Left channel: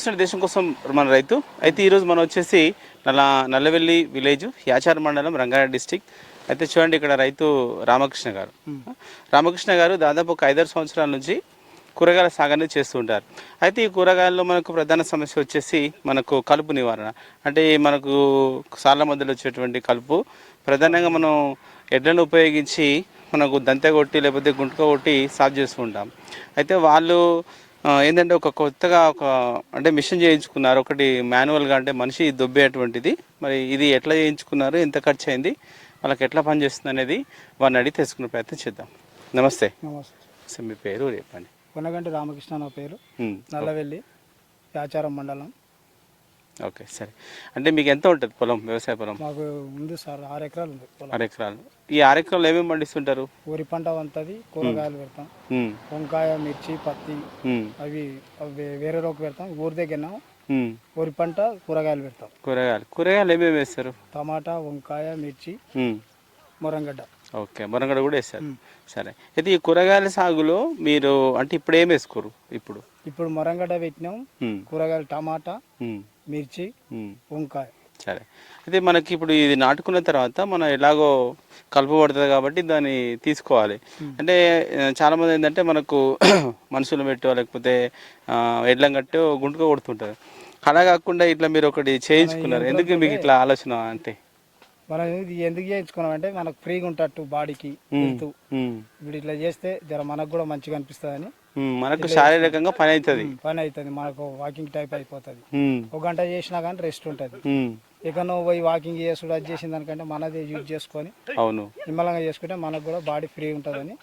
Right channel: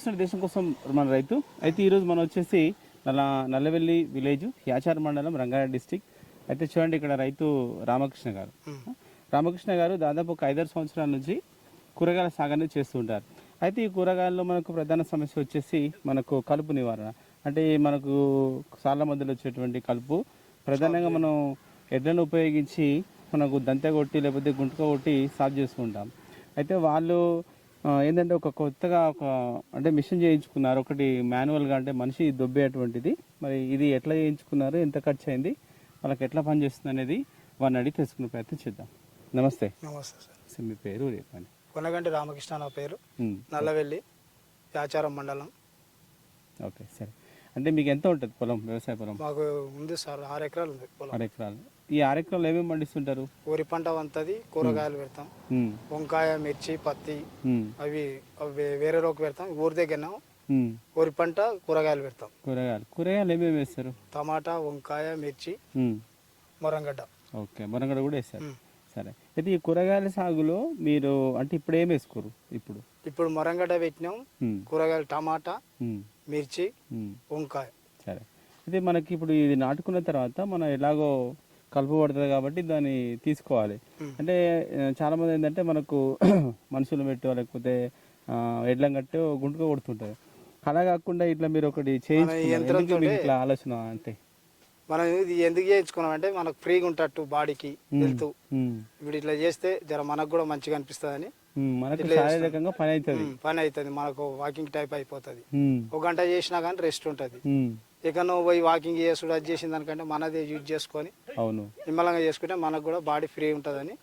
చూస్తున్న దేశం కోసం మన రైతు అయితే ఈరోజు మనం వచ్చేసి నల్లవెల్లి విలేజ్ యాచార మండలం రంగారెడ్డి డిస్టిక్. అయితే చూడండి ఇక్కడ రైతు రామకృష్ణ గారు దాదాపు ఒక 5-6 సంవత్సరాల నుంచి కూరగాయల సాగుని చేస్తూ ఉంటారు. అయితే ఈ కూరగాయల్లో మనకు ప్రధాన సమస్య వచ్చేసి మనకు కలుపు నివారణ. అంటే మనకు సార్ల మధ్యలో వచ్చేటువంటి కలుపు ప్రధానంగా మనం ఎడ్లను ఉపయోగించి మనకు దంతె కొట్టి లేకపోతే గుంటక కొట్టి సాగు చేస్తూ ఉంటాం. అయితే వాళ్ళు ఏంటంటే ఒక కొత్తగా అంటే మిషన్ చేయించుకున్నారు ఒకటి మాన్యువల్గా, అంటే మనిషి దొబ్బేటువంటిది. మరి ఇది ఎట్లా చేయించుకున్నారు, ఎంత ఖర్చు అయింది, వాళ్ళకి ఎట్లా పనిచేస్తుంది అనేది వారిని అడిగి తెలుసుకునే ప్రయత్నం చేద్దాం. నమస్తే. నమస్తే సార్, మీ పేరు చెప్పండి. కొనగంటి రామకృష్ణ నా పేరు, నల్లవెల్లి యాచారం మండలం. ఓకే, సరే. అంటే మీకు ఎంత ఉంటుంది పొలం, వ్యవసాయ పొలం? మాకు ఉంది సార్ 6 ఎకరాలు ఉంది పొలం. 6 ఎకరాలు. ఈ 6 ఎకరాలు ఏమేమి పండిస్తుంటారు? వరి పంట వంతది, కూరగాయలు పెడతాం, వంకాయ, మిర్చి, పత్తి, అవి వేరే రోకు పెడతాం. ఊరి దగ్గర వరి పంట, కూరగాయలు పెడతాం. కూరగాయలు ఏమేమి వేస్తారు? టమాటా, వంకాయ, మిర్చి, మొరంగడ్డ. ఓకే, మొరంగడ్డ కూడా వేస్తారు. సరే. అయితే ఈ కూరగాయల సాగులో మీరు అంటే ఇప్పుడు ఏం వేసుకోరు? ఇప్పుడు మొరంగడ్డ పెట్టినాం, కూరగాయలు టమాటా, మిర్చి, వంకాయ. సరే. అయితే మనకి ఇప్పుడు ఇది నాటుకున్న తర్వాత మనం ఎలాగో కలుపు పడుతుంది కాబట్టి దాన్ని తీసుకోవాలి. అంటే చాలామంది ఏంటంటే మనకు మనుషులు పెట్టో లేకపోతే ఎడ్లం కట్టో గుంటుగా కొడుతుంటారు. అలా కాకుండా ఇట్లా మీరు ఒకటి చేయించుకున్నారు, ఎందుకు మీకు ఇట్లా ఆలోచన? అంటే మనం ఇది ఎందుకు చేయించుకున్నాం అంటే మనకు ఫ్రీగా ఉంటట్టు బాడీకి హెల్త్. ఇప్పుడు ఇట్లా చేస్తే జర మనకు కూడా మంచిగా అనిపిస్తుంది అని, మనకు శారీరకంగా పని అవుతుంది, మనకు వాకింగ్ టైప్ అయిపోతుంది. 1 గంట చేసినా కానీ రెస్ట్ ఉంటుంది. ఇక నువ్వు పోయి వాకింగ్ చేసుడు అది చేసిన దానికంటే మనదే యూజ్ చేసుకొని నిమ్మలంగా చేసుకుంటే మనకు కూడా బాడీ ఫ్రీ ఉంటుందని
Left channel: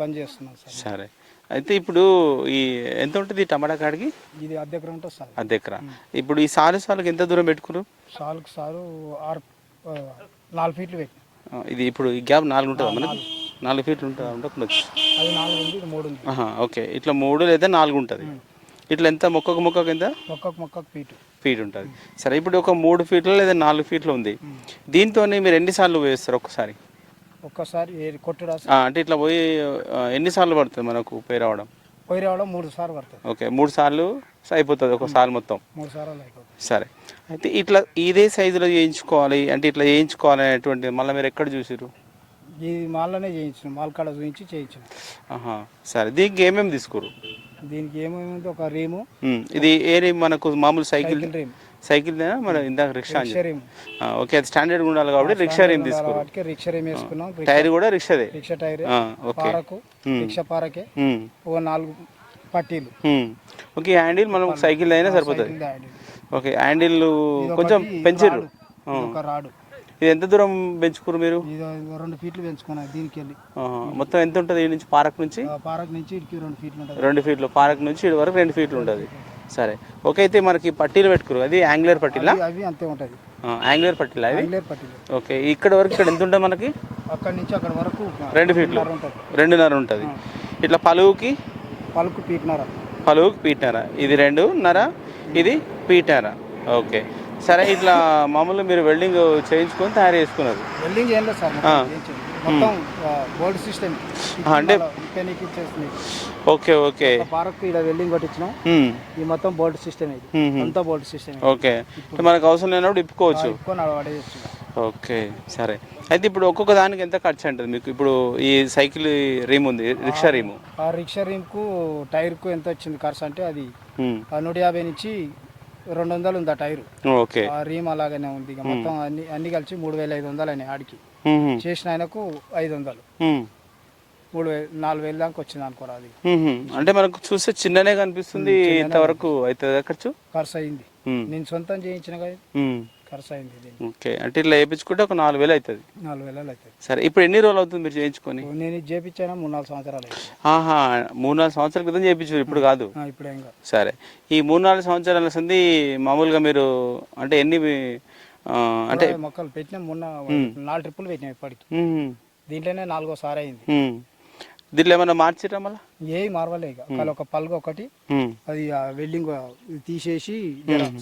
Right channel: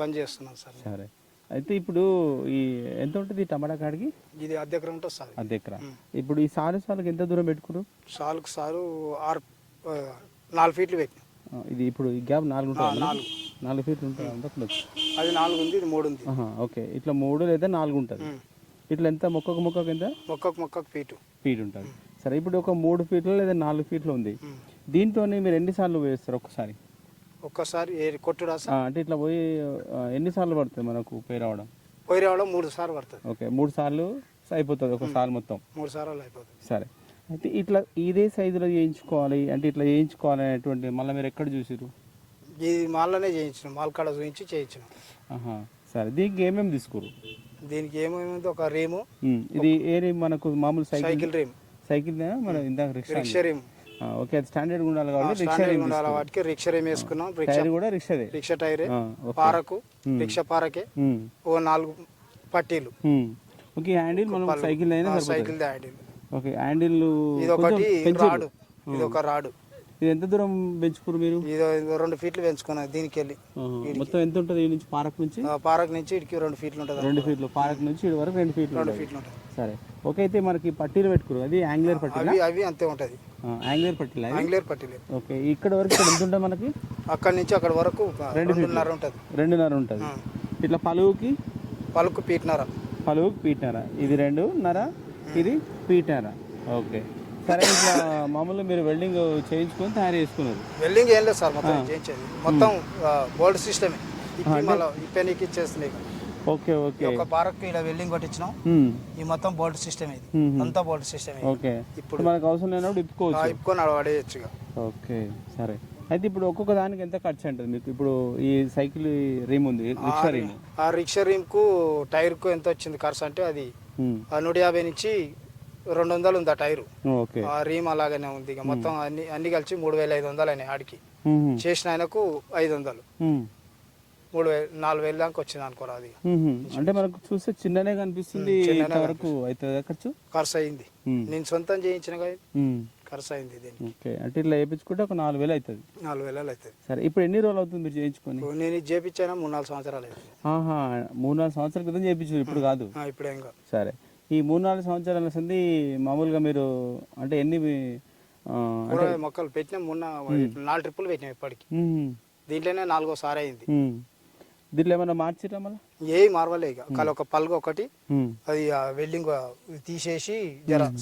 పని చేస్తున్నాం సార్. సరే. అయితే ఇప్పుడు ఈ ఎంత ఉంటుంది టమాటా కాడికి? ఇది అర్ధ ఎకరం ఉంటుంది సార్. అర్ధ ఎకరా. ఇప్పుడు ఈ సాలుకి ఎంత దూరం పెట్టుకున్నారు? సాలుకు 4 ఫీట్లు పెట్టి. ఇది ఇప్పుడు ఈ గ్యాప్ 4 ఉంటుంది మనకి? 4 ఫీట్లు ఉండకపోవచ్చు. అది 4 ఉంది, ఇది 3 ఉంది. ఓకే, ఇట్లా 3 లేదా 4 ఉంటుంది. ఇట్లా ఎంత మొక్కకు ఎంత? మొక్కకు ఫీట్ ఉంటుంది. సరే, ఇప్పుడు ఒక 3 ఫీట్లు లేదా 4 ఫీట్లు ఉంది. దీంతో మీరు ఎన్నిసార్లు వేస్తారు? ఒక్కసారి కొట్టుడా? అంటే ఇట్లా పోయి ఎన్నిసార్లు పడుతుంది మనకు పోయి రావడం? 3 సార్లు పడుతుంది. ఓకే, 3 సార్లు అయిపోతుంది ఒక సార్ మొత్తం. 3 సార్లు అయిపోతుంది. సరే. అయితే ఇట్లా ఇదే సైజులో చేయించుకోవాలి అంటే ఇట్లా చేయించుకోవాలి అనేటువంటి మళ్ళీ మీరు ఎక్కడ చూసారు? ఈ మాల్లోనే చేయించిన, మాల్ కాడ చూపించి చేయించిన. సరే. దీనికి ఏమేమి తీసుకోరు? దీనికి ఏమేమి, ఒక రేము. ఇది ఏ రేమ్? మనకు మామూలు సైకిల్ రేమ్. సైకిల్ మన ఇందాక రిక్షా రేమ్. ఓకే, అది స్టాండర్డ్ ఉండాలి కాబట్టి రిక్షా రేమ్ తీసుకోరు. రిక్షా రేమ్ వేసుకున్నాం. టైర్ కూడా రిక్షాదే? Rickshaw tyre. పారకు రిక్షా పారకే 4 పట్టీలు. ఓకే, హ్యాండిల్ మనం సైకిల్ అయినా సరిపోతుంది. ఓకే, హ్యాండిల్ కొంచెం పెంచారు. ఒక రాడు. ఇది ఎంత దూరం పెంచుకోరు మీరు? 2 ఫీట్లు పెంచుకున్నా. దీనికి వెళ్ళి మొత్తం ఎంత ఉంటుంది? ఈ నుంచి పార్క్ నుంచి ఇక్కడికి 2 ఫీట్లు ఉంటుంది. 2 ఫీట్లు. పార్క్ నుంచి ఇటు వరకు 2 ఫీట్లు ఉంటుంది. సరే. ఓకే, అయితే మనకి పట్టీలు పెట్టుకోరు, అది యాంగులర్ పట్టీలా? అవి అంతే ఉంటుంది. యాంగులర్ పట్టీలా? యాంగులర్ పట్టీలు. ఓకే, ఇక్కడ వరకు ఇక్కడ ఎంత ఉంటుంది మనకి? అక్కడ నుంచి అక్కడ వరకు 2 ఫీట్లు. 2.5 ఉంటుంది. ఇట్లా పలువుకి పీట్నర. ఇది 2.5, ఇది పీట్నర. ఓకే, సరే. ఇట్లా మామూలు మీరు వెల్డింగ్ చేయించుకొని తయారు చేసుకున్నారు? వెల్డింగ్ ఏం లేదు సార్, మొత్తం బోల్డ్ సిస్టమ్. అంటే ఓకే పార్క్ ఇలా వెల్డింగ్ కొట్టించినాం. ఈ మొత్తం బోల్డ్ సిస్టమ్, ఇది అంతా బోల్డ్ సిస్టమ్. ఓకే, మనకు అవసరం లేనప్పుడు ఇప్పుకోవచ్చు. ఓకే, సరే. అయితే ఇప్పుడు ఒక్కొక్క దానికి ఎంత ఖర్చు ఉంటుంది మీకు? ఇప్పుడు ఈ సైకిల్ రీమ్ ఉంది, రిక్షా రీము. ఆ రిక్షా రీమ్ కు టైర్ కు ఎంత వచ్చింది ఖర్చు అంటే అది 150 నుంచి 200 ఉంది ఆ టైర్. ఓకే, ఆ రీమ్ అలాగనే ఉంది. మొత్తం అన్ని కలిసి 3500 అని ఆడికి చేసిన ఆయనకు 500, 4,000 దాకా వచ్చింది అనుకోరా. అది అంటే మనకు చూస్తే చిన్ననే కనిపిస్తుంది, ఇంతవరకు అవుతుంది ఖర్చు అయింది. నేను సొంతం చేయించిన ఖర్చు అయింది. ఓకే, అంటే ఇట్లా వేయించుకుంటే ఒక 4,000 అవుతుంది. 4,000 అవుతుంది. సరే. ఇప్పుడు ఎన్ని రోజులు అవుతుంది మీరు చేయించుకొని? నేను చేయించాను 3-4 సంవత్సరాలు. 3-4 సంవత్సరాల క్రితం చేయించారు, ఇప్పుడు కాదు? ఇప్పుడు ఏం కాదు. సరే. ఈ 3-4 సంవత్సరాల సంది మామూలుగా మీరు అంటే ఎన్ని అంటే మొక్కలు పెట్టినా? మొన్న 4 ట్రిప్పులు పెట్టినా. ఇప్పటికి దీంట్లోనే 4వ సారి అయింది. దీంట్లో ఏమన్నా మార్చిరా? మళ్ళీ ఏమి మార్వలే. ఇక ఒక పలుగు ఒకటి అది వెల్డింగ్ తీసేసి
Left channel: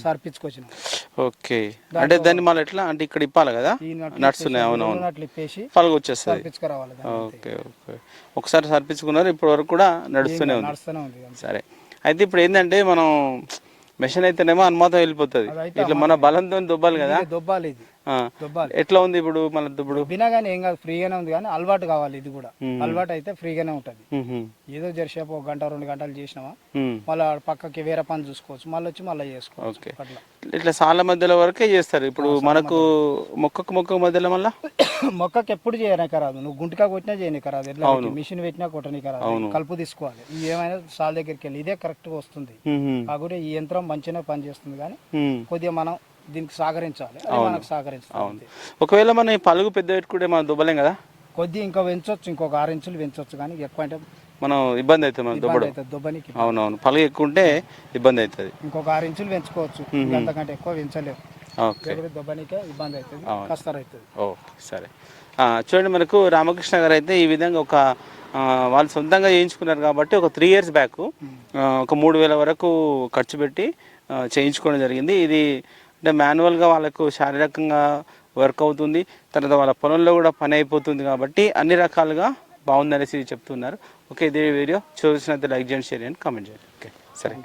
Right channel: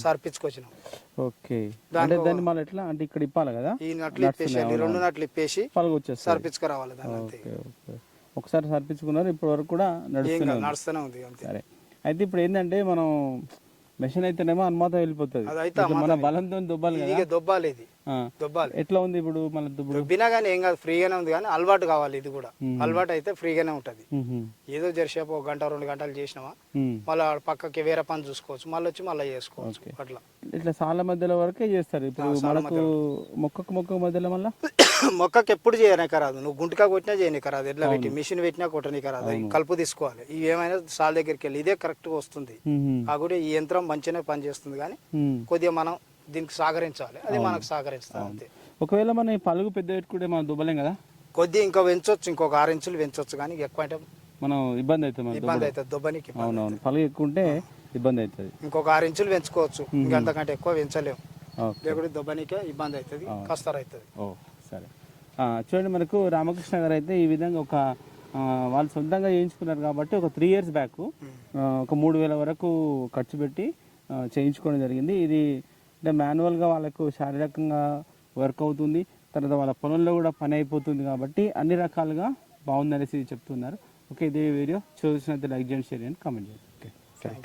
సర్పించుకొచ్చిన. ఓకే, అంటే దాన్ని మళ్ళీ ఎట్లా అంటే ఇక్కడ ఇప్పాలి కదా, నడుస్తున్నాయి. అవునవును, ఇప్పేసి పలుగు వచ్చేస్తుంది. సర్పించుకురావాలి. ఓకే, ఒకసారి సర్పించుకున్నారు, ఇప్పటి వరకు కూడా నడుస్తూనే ఉంది. సరే. అయితే ఇప్పుడు ఏంటంటే మనం మెషిన్ అయితేనేమో అనుమాతం వెళ్ళిపోతుంది, అదైతే ఇట్లా మన బలంతో దుబ్బాలి కదా. ఇది దొబ్బాలి, ఇది ఆ. దొబ్బాలి. ఎట్లా ఉంది ఇప్పుడు మన ఇప్పుడు దొబ్బినా కానీ ఏం కాదు, ఫ్రీగానే ఉంది. కానీ అలవాటు కావాలి, ఇది కూడా అలవాటు అయితే ఫ్రీగానే ఉంటది. ఏదో జరిసేపు 1 గంట 2 గంటలు చేసినావా మళ్ళీ పక్కకి వేరే పని చూసుకోవచ్చు, మళ్ళీ వచ్చి మళ్ళీ చేసుకోవచ్చు. ఓకే. అట్లా ఇట్లా సాళ్ళ మధ్యలో వరకే చేస్తారు. ఇప్పుడు మనకు మొక్కకు మధ్యలో మళ్ళీ మొక్కకి ఎప్పుడు చేయనీక రాదు, నువ్వు గుంటకా కొట్టినా చేయనీక రాదు, ఎట్లా మిషన్ పెట్టినా కొట్టనీక రాదు, కలుపు తీసుకోవాలి. ఈ ఏమైనా సాల్ దగ్గరికి వెళ్ళి ఇదే కరెక్ట్ గా వస్తుంది. కాకపోతే ఈ యంత్రం మంచిగానే పనిచేస్తుంది, కానీ కొద్దిగా మనం దీనికి సహకరించాలి, అది మనకు సహకరిస్తాం. ఒకవేళ మనం ఈ పలుగు పెద్ద పెట్టుకుంటే మనం దుబ్బలేం కదా, కొద్దిగా ఇంకా పెంచవచ్చు, ఇంకొక 6 ఇంచులు పెంచవచ్చు, కానీ ఎక్కువ అంటే మనం ఇబ్బంది అవుతుంది మనం దుబ్బడం. దుబ్బనికి అవునవును, పలుగు ఎక్కువ ఉంటే ఇబ్బంది అవుతుంది. ఇంకొక 6 ఇంచులు పెంచుకోవచ్చు, ఇంకంతకంటే ఎక్కువ పెంచలేము. ఓకే. దుబ్బనికే ఇబ్బంది అవుతుంది, కష్టం అవుతుంది. ఓకే, సరే. చూడండి, మనకు రామకృష్ణ గారు అయితే ఈ విధంగా వాళ్ళు సొంతంగా చేయించుకున్నారు కాబట్టి ఒక 3 years బ్యాక్ ఒక 3000 వరకు ఖర్చు పెట్టి చేయించుకోవడం జరిగింది. ఇది అంటే మాన్యువల్గా వాళ్ళకు శారీరకంగా వర్క్ అవుతుంది, తర్వాత వాళ్ళ పొలంలో కూడా పని అయిపోతుంది, కాబట్టి అన్ని రకాలుగా బాగుందనేసి చెప్తున్నారు. ఓకే, ఇదే వీడియో చూసినట్టు లైక్ చేయండి, షేర్ చేయండి, కామెంట్ చేయండి. ఓకే, సరే.